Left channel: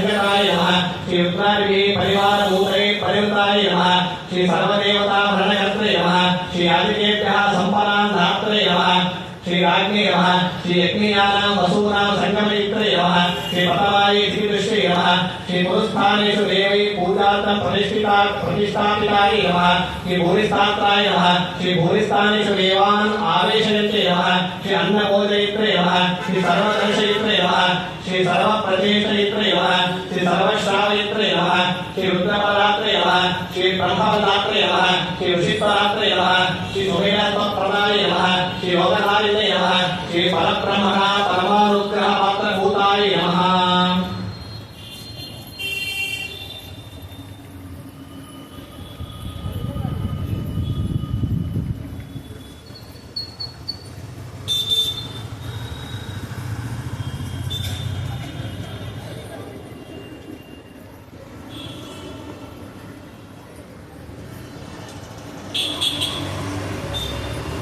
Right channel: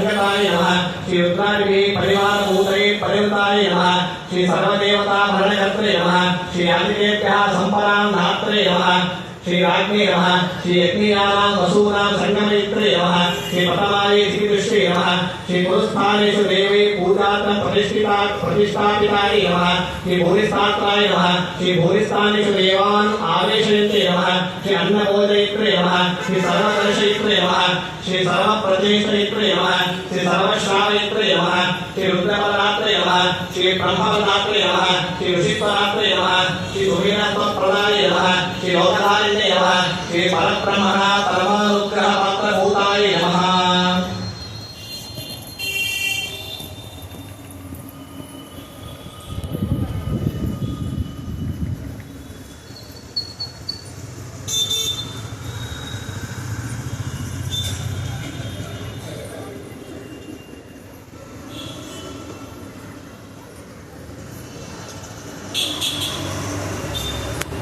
संगताय नमः श्री रुद्रादेवी परिवार भूतये परिवृताय नमः श्री सर्वदेवता भरणकर्त्रे नमः श्री आदित्येभ्यः सम्परां धात्रे नमः श्री राज्ञे नमः श्री यज्ञयानां वसूनां संगमयित्रे नमः श्री पटवाये श्रीदृष्टे नमः श्री गुरुस्थानेषु देवै पूजार्थं प्रतिष्ठापिताय नमः श्री भूरिस्थात्राय नमः श्री भूरिस्थानेषु देवान् आवेशयन्ते नमः श्री अन्नभोजयित्रे नमः श्री सर्वदर्शयित्रे नमः श्री सर्वप्रचेतयित्रे नमः श्री सर्वश्रावयित्रे नमः श्री रुद्रपदात्रे नमः श्री ब्रह्मपदात्रे